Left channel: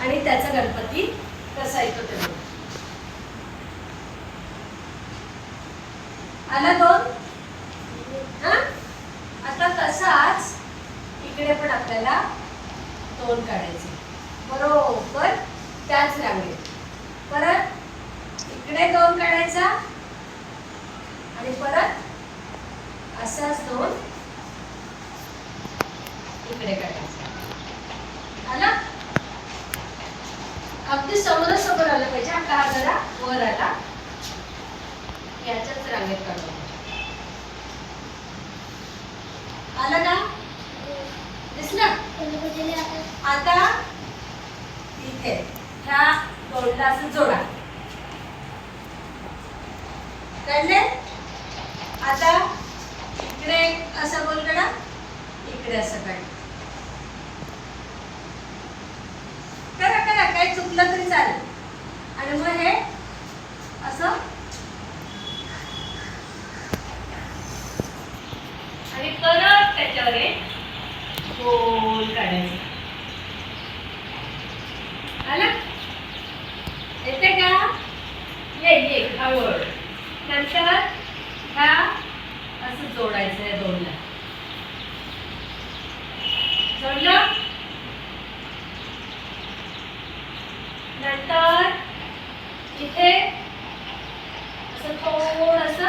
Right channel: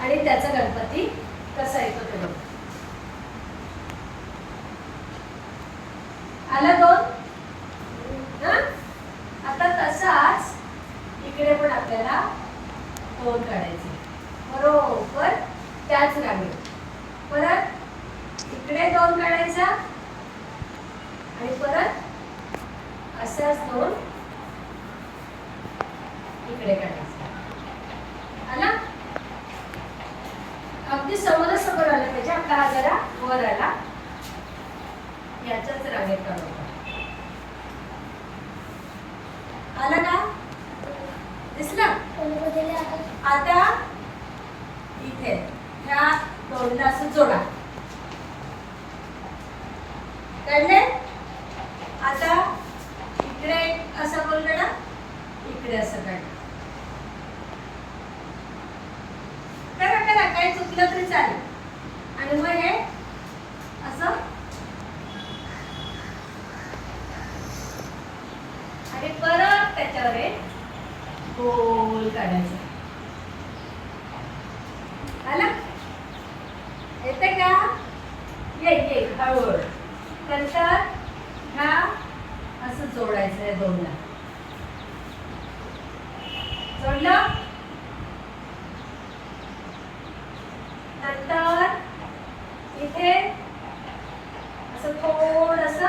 आणि त्याचा गणपती कसा येतो ते बघू. आला दोन? हा? आता तसाच इकडे पण आपल्याला दोन काढायचे. बरोबर त्याच रांगेत. परत इकडे दोन काढायचा आणि परत असाच दोन इकडे काढायचा आला अगदी समोरासमोर आलं पाहिजे आपला हा जरा वर आला याच्याच रांगेत काढून आला ना दिसलं आता इथे ह्या दोनला असं जोडा. कळले? आता इकडे असं बोल काढा इकडे असं काढ करा करा काही चुकलं तरी चालेल. आणि मग हे असं. आणि परत त्याच्यावर एक काढायचं. आला? येते का? ये ये हळूहळू नंतर हा असं जोडायचं आहे दोनला. जोडलं नंतर इथे असं थोडंसं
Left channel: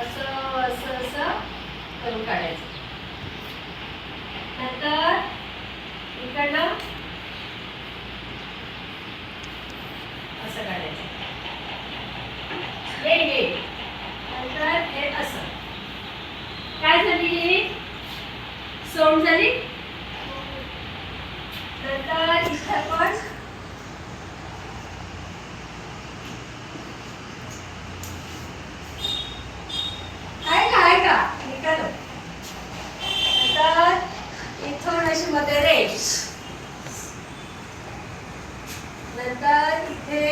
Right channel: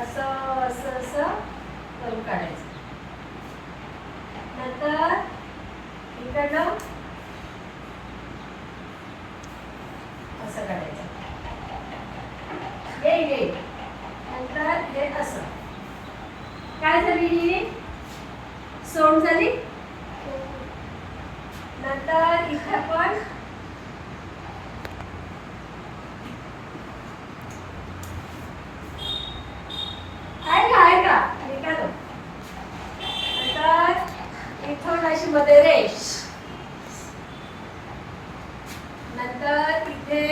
असं असं असं करून काढायचं नंतर इकडनं असं काढायचं ये ये नंतर हे असं काय झाली सोंड झाली नंतर इथं पण आहे का आहे का निकालो नंतर इथून अशी मध्ये रेश नंतर इथे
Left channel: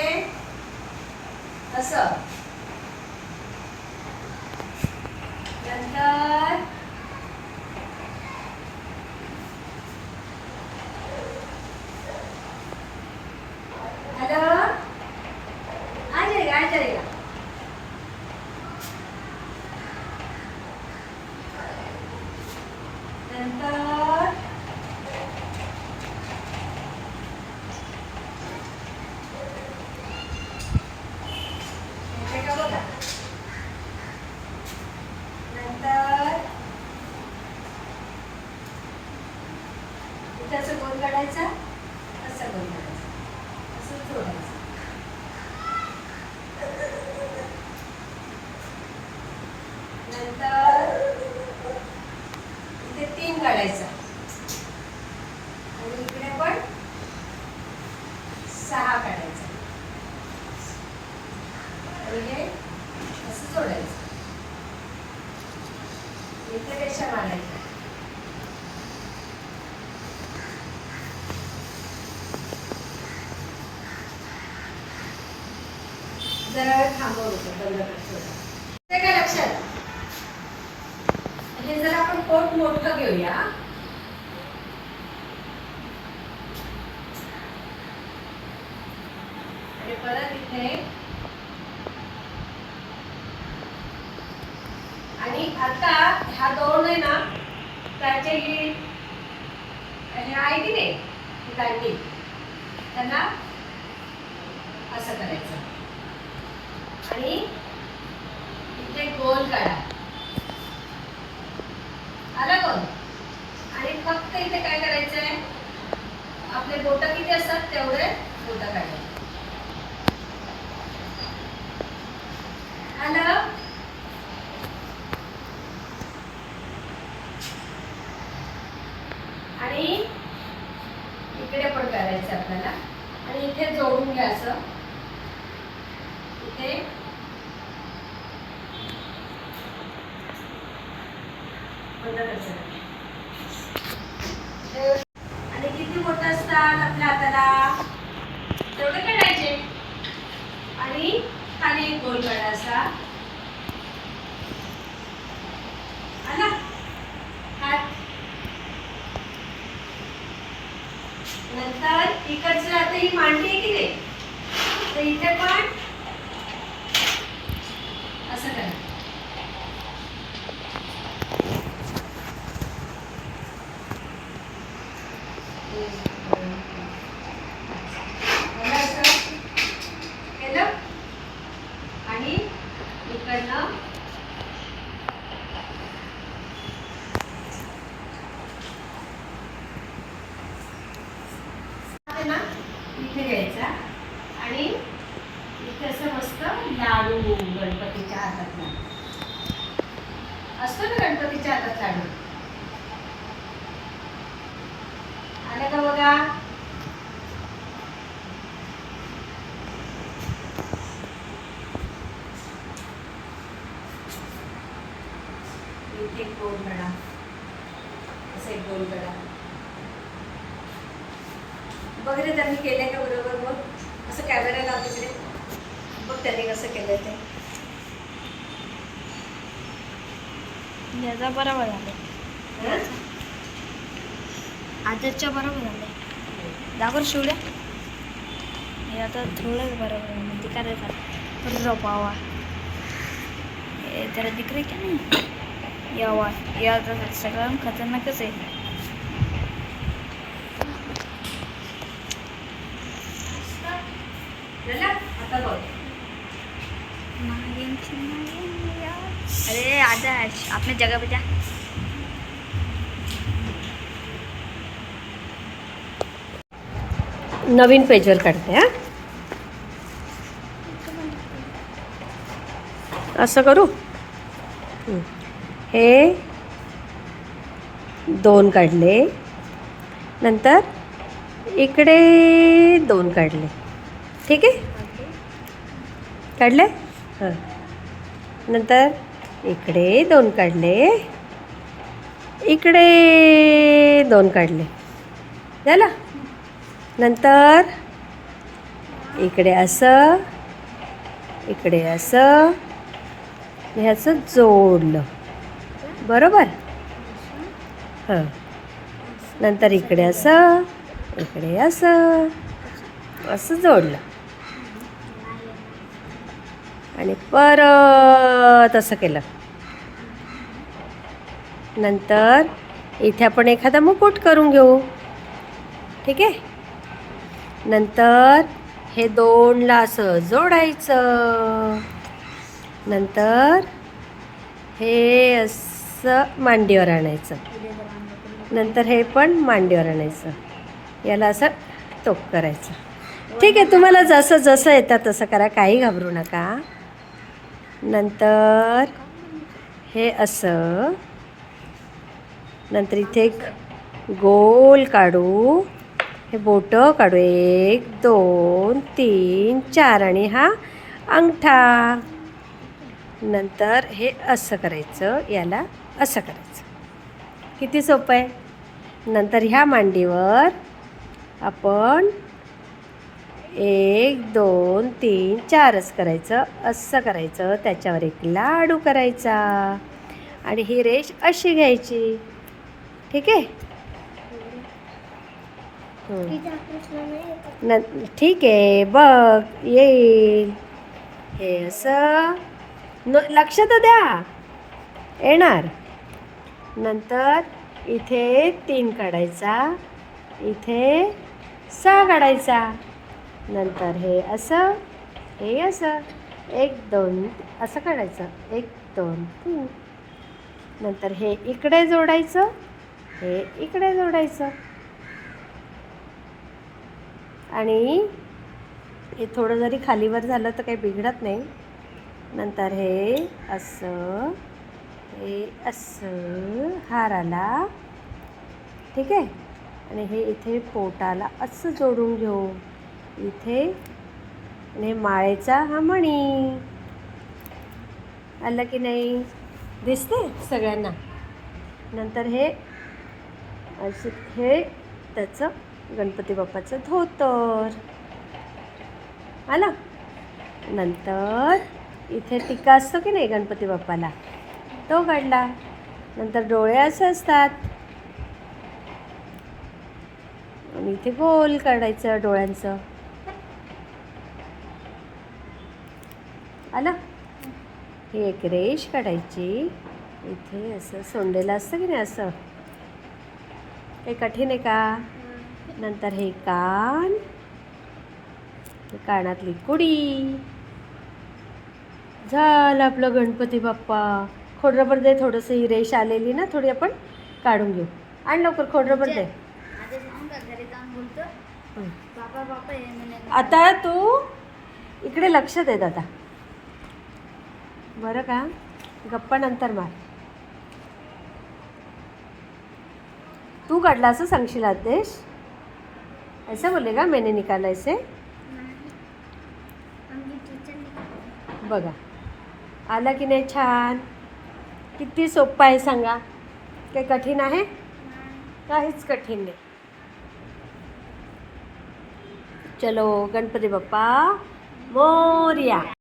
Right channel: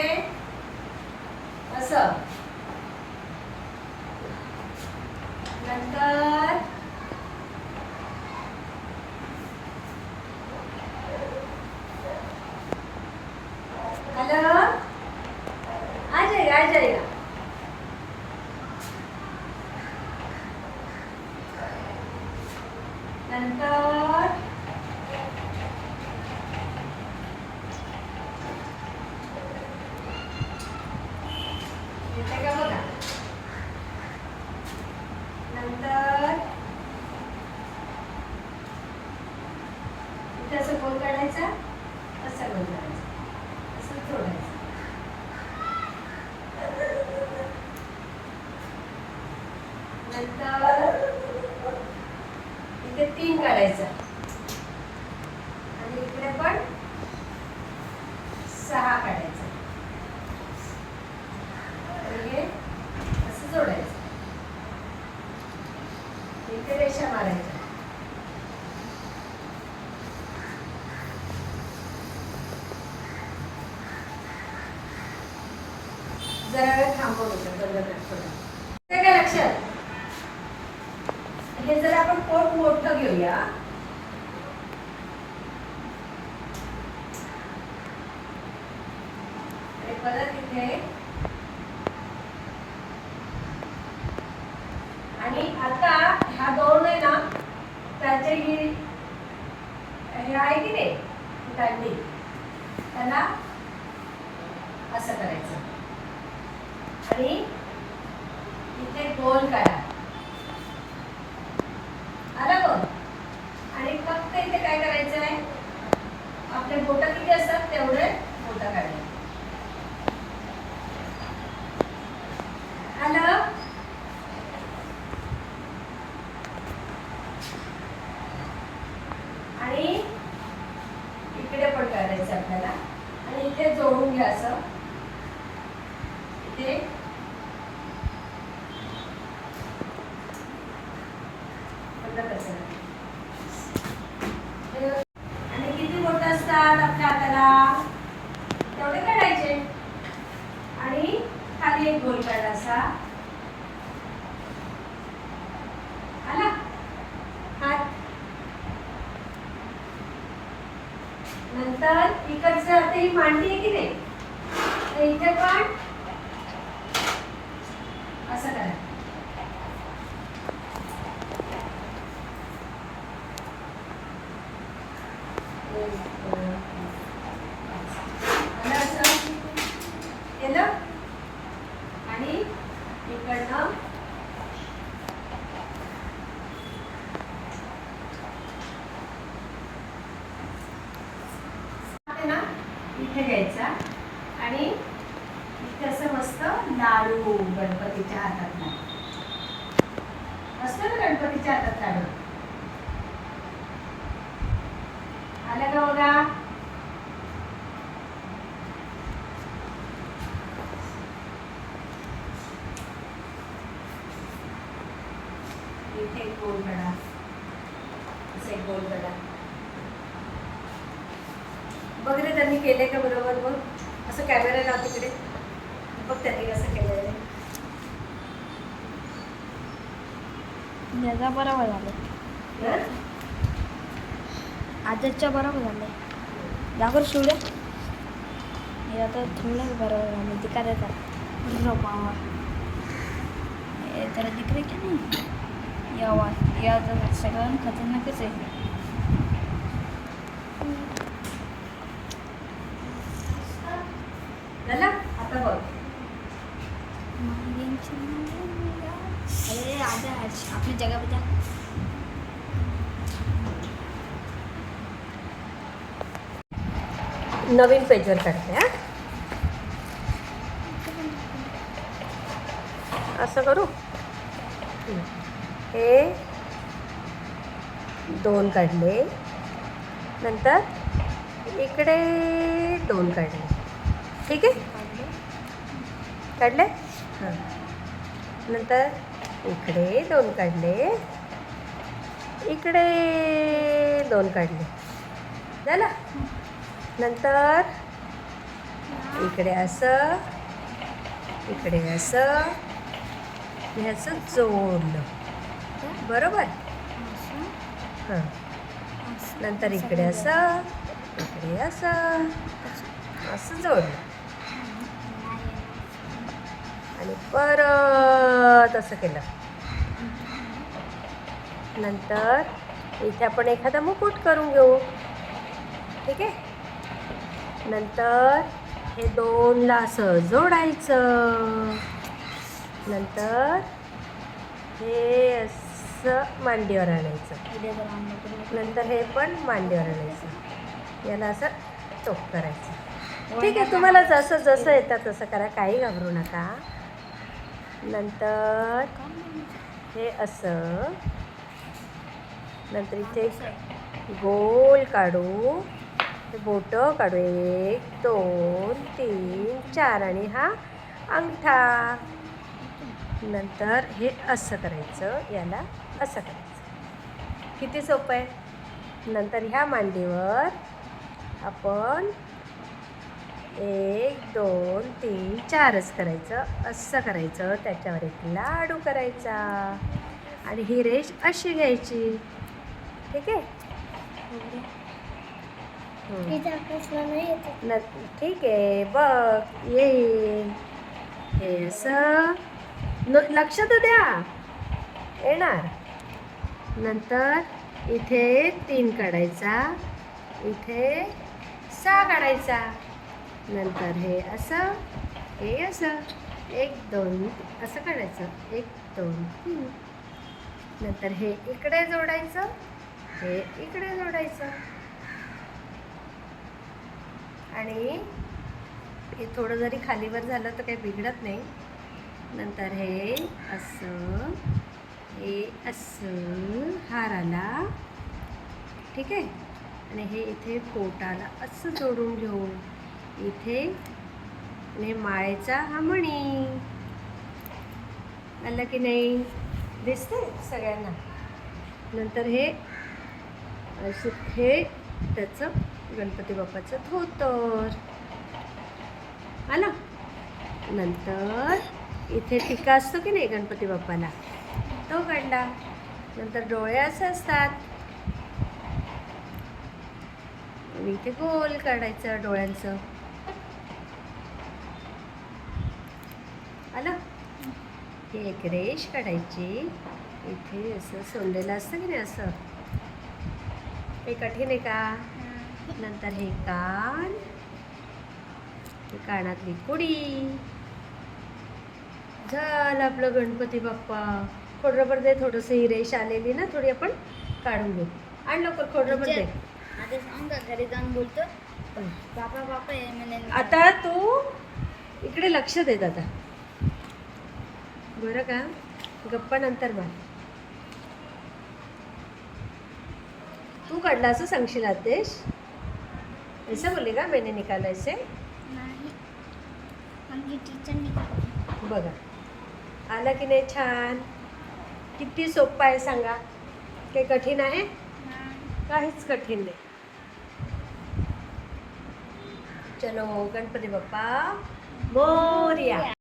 असं. नंतर हेलो? आ जाएगा आ जाएगा नंतर येते का बघा नंतर इथे असं गोल काढायचा असं गोल काढायचा असं जोडायचं नंतर इथे तीन काढायचा. आणि इकडे पण सहा काढायचा. आणि हे असं जोडायचं. इथे रेषा मारायच्या जरा वेळ थांबवलं होतं बंद कर थोडं. ते काय लक्षात. हे जर आपण पोट मोठं घेऊया आणि परत इथे आणि आता ह्या दोन आहे ना त्याचे ही हे आहे की नाही दांडी त्याला असं करायचं. आणि इथे गोल काढा. आला बघ. आणि फक्त इथे काय करायचं आहे आपले बोट किती असतात? तेवढे बोट काढायचे. आलं? आणि इकडे पण करायचं आपल्याला. आणि इथे जोडून घ्या असं. इथे बंद करायचं. हे- आणि किती बोट असतात आपल्या हाताला तेवढे काढायचे आणि खाली एक गोल काढा असा आला हात नंतर इकडचं आता ही मांडली आहे की नाही तर इथे पण असं करा एक, दोन, तीन, पाच. झालं असं? केलं आणि इकडनं आहे ना इथे घ्यायचा आणि इथे असं मस्त लाडू गणपतीच्या हातातला असतो ना गणपतीच्या हातात लाडू? आलं का बघा? इथे एक गोल कडा. असे गोल कडा. बघ रे त्यांनी केलंय का बरोबर? बघ. असं कॅमेरे लावते तिकडे. बघ त्यांनी कसं केलंय ते. याचा बरोबर झालं आजच्या बरोबर झालं दाखवर शिवड्या. हे आता थोडंच बरोबर झालं ते काय करा पावा हे त्याला दिकरे का नाही? यावा या तर सगळं खतरनाकच आहे. आता बघ. आदर्श आपने जगह जा नवीन पेजवर काढते हा। असं करू। हे। दोन काढले। नंतर इकडे दोन काढले। ठीक आहे? काढले? हाँ. नंतर इकडे दोन काढले. इकडे दोन काढले. झालं? नंतर? इकडे असं. इकडे असं. ह्याचं जोडलं. बरोबर? हां. नंतर इकडे असं. इकडे असं. असं जोडलं. आणि परत असं केलं. नंतर इथे आपण एखादा मुकुट करून घेऊ. ठीक आहे? नंतर हे दोनला असं जोडायचं. नंतर हे असं मांडीवर आणायचं. नंतर हे पण मांडीवर आणायचं. याला असं टोप करायचं. ठीक आहे तुम्हाला जसं जसं येतं तसं करा काही घाबरू नका. नंतर हे असं नंतर इथे एक गोल काढू. हे बोटं काढू. एक दोन तीन चार आणि हा अंगठा. नंतर हे असं करायचं याला असं करायचं. किती सोपं आहे? नंतर ह्या मांडीवर आपण एक दोन तीन चारच करायचं असं करायचं. त्याच्यावर एक लाडू करायचा. आणि ही रेष अशी घ्यायची. ठीक आहे? ठीक आहे बघ येईल. हे असं. न लक्ष तर द्या. येणार. नंतर इथे तीन काढायचा. इथे सहा काढायचा. नंतर हे असं हे असं. एक दोन असं काढायचं. एक दोन तीन. नंतर हे इकडे जोडायचं. हे इकडे जोडायचं. आणि हे थोडं जरी खालीवर झालं तर काही बिघडत नाही. नंतर हे असं हे असं हार आला. ठीक आहे? आणि हे इथे पोटाला असं जोडून घेऊ. इथे. आणि हे माळेचा हा मणी. आलं की नाही? दिसते सगळ्यांना? नंतर हे असं हे त्याचं गणपती बाप्पाचं धोतर. आलं नंतर इथे टिका असतो की नाही गणपती बाप्पाला? तो काढला. नंतर डोळे असे असतात. आणि इथे गोल काढायचं डोळ्यांचं. आलं ही एक रेष काढायची. इथे असं सोंडेलं असतं की नाही असं? हे कठीण आहे का? नंतर हे कान. ही कानातली कुडी. झालं आपलं गणपती बाप्पा. खोडरबर दे थोडंसं ही रेष आलेली ना थोडी आपण काढून घेऊ. आणि लवकर खोडरबर दे. आता तू इकडे लक्ष देत आता. बरं का? गप्पा नंतर मार. तू काढला असं सांगशील आदेश? ऐसा बोलले का मैंने निकाला ऐसे बघा. आला की नाही छान? किती सोपं आहे सांगा. काही कठीण आहे? काहीच कठीण नाही. चलो गणपती बाप्पा मोर्या.